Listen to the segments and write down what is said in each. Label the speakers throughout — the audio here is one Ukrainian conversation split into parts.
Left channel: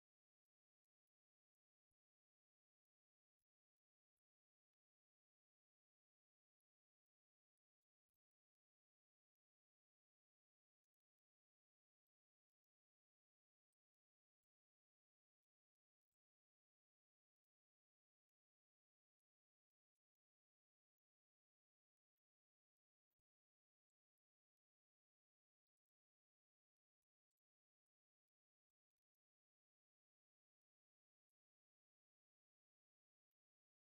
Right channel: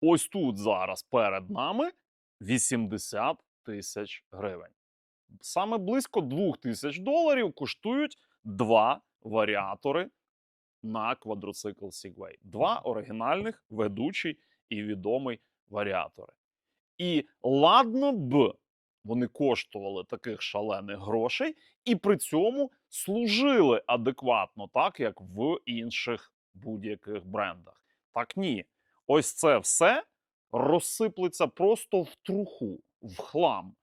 Speaker 1: ось тут зараз перед нами 80 тисяч гривень. Саме близько 2 тисяч доларів коштують два варіатори на квадроцикл Segway. Два оригінальних, ведучий і відомий варіатори. І ладно б вони коштували таких шалених грошей, і при цьому служили адекватно, так як в інших будь-яких брендах. Так ні, ось це все розсиплеться просто в труху, в хлам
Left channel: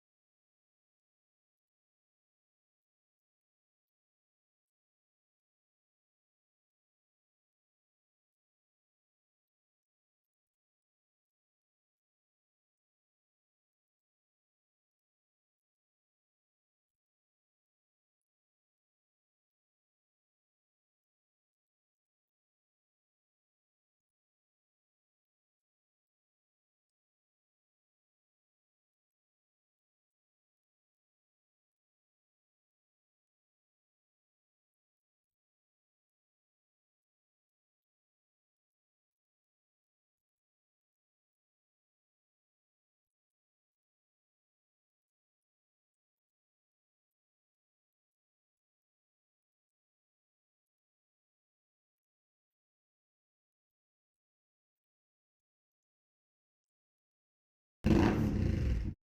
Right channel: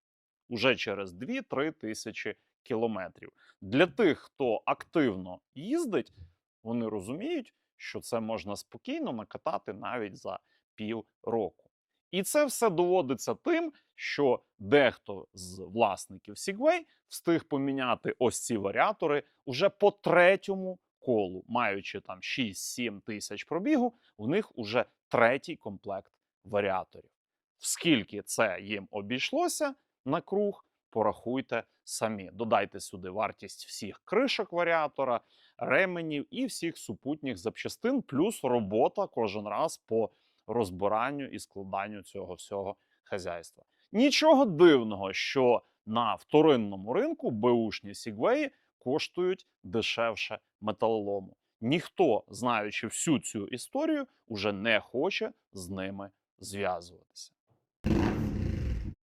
Speaker 1: уже через 2-3 тисячі кілометрів. Для тих, хто активно їздить, вони розуміють, що це можна спокійно накатати навіть за пів року. І це все доводиться тим, що дехто з власників Segway встиг поміняти ось ці варіатори уже по третьому колу, маючи там 6-7 тисяч пробігу, у них уже третій комплект варіаторів. Скільки це їм обійшлося на круг, порахуйте самі. Додайте сюди вартість всіх кришок варіатора, ременів і всіх супутніх запчастин, плюс робота кожен раз по розбиранню і складанню цього всього хазяйства. Нічого дивного, що на вторинному ринку беушні сігвеї коштують дешевше металолому. Ніхто, знаючи всю цю історію, уже не хоче з ними зв'язуватися.